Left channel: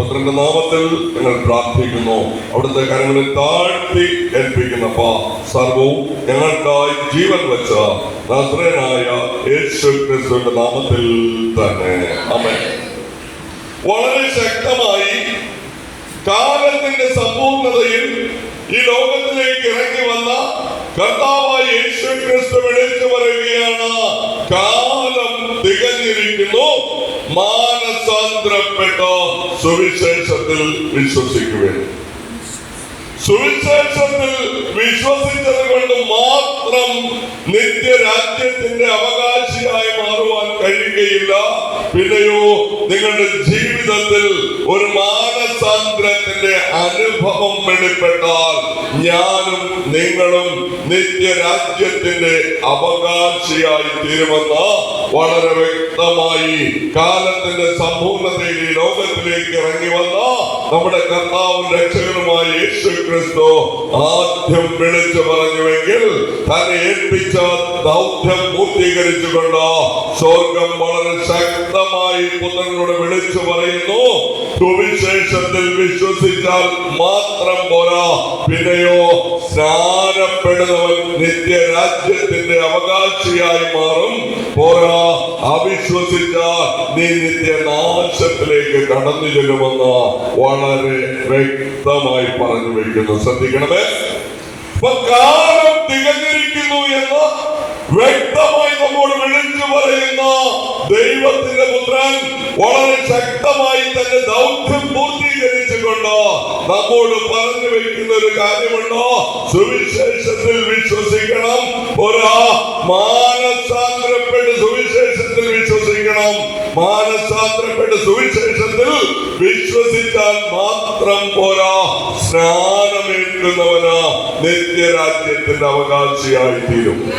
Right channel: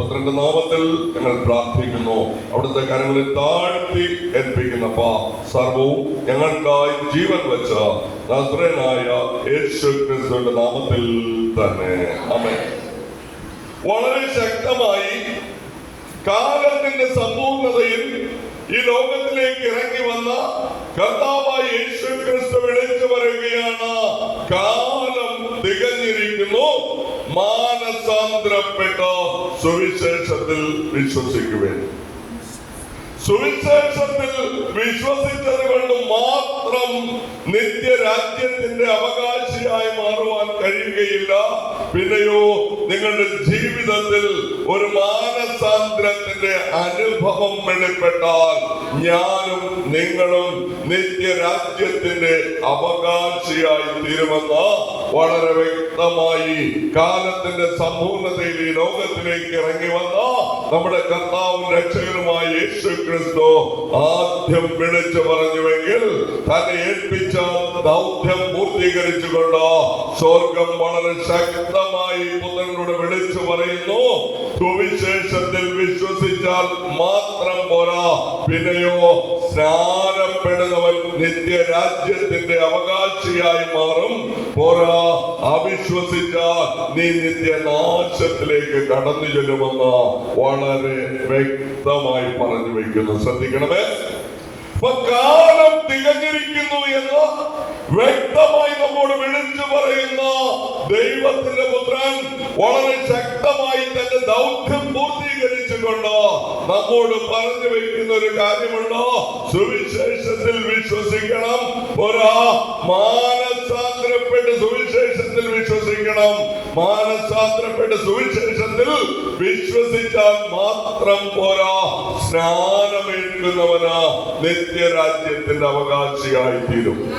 പുത്രന്റെ നാമത്തിൽ ഞങ്ങൾ പ്രാർത്ഥിക്കുന്നു. അവിടുത്തെ കരങ്ങളിൽ താഴ്ത്തി ഏൽപ്പിക്കുന്നപ്പ സർവവും ഞങ്ങൾക്കായി ജീവൻ വെച്ച നസ്രനായ യേശു ക്രിസ്തുവിന്റെ നാമത്തിൽ തന്നെ. അമ്മ വളരെ ശക്തമായി കാലത്തിന്റെ സമ്പൂർണതയിൽ ഈ ലോകത്തിലേക്ക് ഇറങ്ങി വന്ന കർത്താവായ യേശു ക്രിസ്തു വിളിച്ചു മാനസാന്തരപ്പെട്ട സുവിശേഷത്തിൽ വിശ്വസിക്കുവേ സുവിശേഷത്തിൽ വിശ്വസിച്ചത് കൊണ്ട് മാത്രം നിത്യരാജ്യത്തിന്റെ അവകാശിയായി മാറുവാൻ കഴിയുകയില്ല. പിന്നെയോ നിങ്ങളുടെ ജീവിതത്തിൽ ഒരു മാനസാന്തരത്തിന്റെ അനുഭവം വെളിപ്പെട്ടാൽ ഞാനും നിങ്ങളും നിത്യരാജ്യത്തിന്റെ അവകാശിയായി തീരുമെന്ന് വളരെ വ്യക്തമായി കാലത്തിന്റെ സമ്പൂർണതയിൽ ഈ ലോകത്തിലേക്ക് ഇറങ്ങി വന്ന നമ്മുടെ കർത്താവും രക്ഷകനുമായ യേശു ക്രിസ്തു ആദ്യം വിളിച്ചു പറഞ്ഞുവെങ്കിൽ തന്നെ ഏൽപ്പിച്ച ദൗത്യം പൂർത്തീകരിച്ചുകൊണ്ട് സ്വർഗം വളരെ ശക്തമായി പുത്രനോട് വിളിച്ചു പറയുന്നു. സുവിശേഷത്തിൽ വിശ്വസിച്ചാൽ മാത്രം പോരാ. പിന്നെയോ സ്നാനപ്പെടുന്നവൻ നിത്യരാജ്യത്തിന്റെ അവകാശിയായി മാറും. പോരാ അവിശ്വസിച്ചാൽ നീ നിത്യനാശത്തിലേക്ക് കടന്നു ചെല്ലുമെന്ന് വളരെ വ്യക്തമായി പറഞ്ഞു വെക്കുന്നു. ശ്രദ്ധിക്കണമേ. കാലം തികഞ്ഞിരിക്കുന്നു എന്ന് വ്യക്തമായി നമ്മോട് വിളിച്ചു പറയുന്ന ദൈവത്തിന്റെ പുത്രൻ വളരെ ശക്തമായി തന്റെ ദൗത്യം പൂർത്തീകരിച്ചുകൊണ്ട് നമ്മോട് പറഞ്ഞു വെക്കുന്ന ഒരു കാര്യമുണ്ടോ? സുവിശേഷത്തിൽ വിശ്വസിക്കണം. ഒരാ മാനസാന്തരപ്പെട്ട് സുവിശേഷത്തിൽ വിശ്വസിക്കണം. മാനസാന്തരപ്പെട്ട് സുവിശേഷത്തിൽ വിശ്വസിച്ചാൽ മാത്രം പോരാ. സ്നാനമേൽക്കുന്നവന് നിത്യരാജ്യത്തിന്റെ അവകാശിയായി തീരും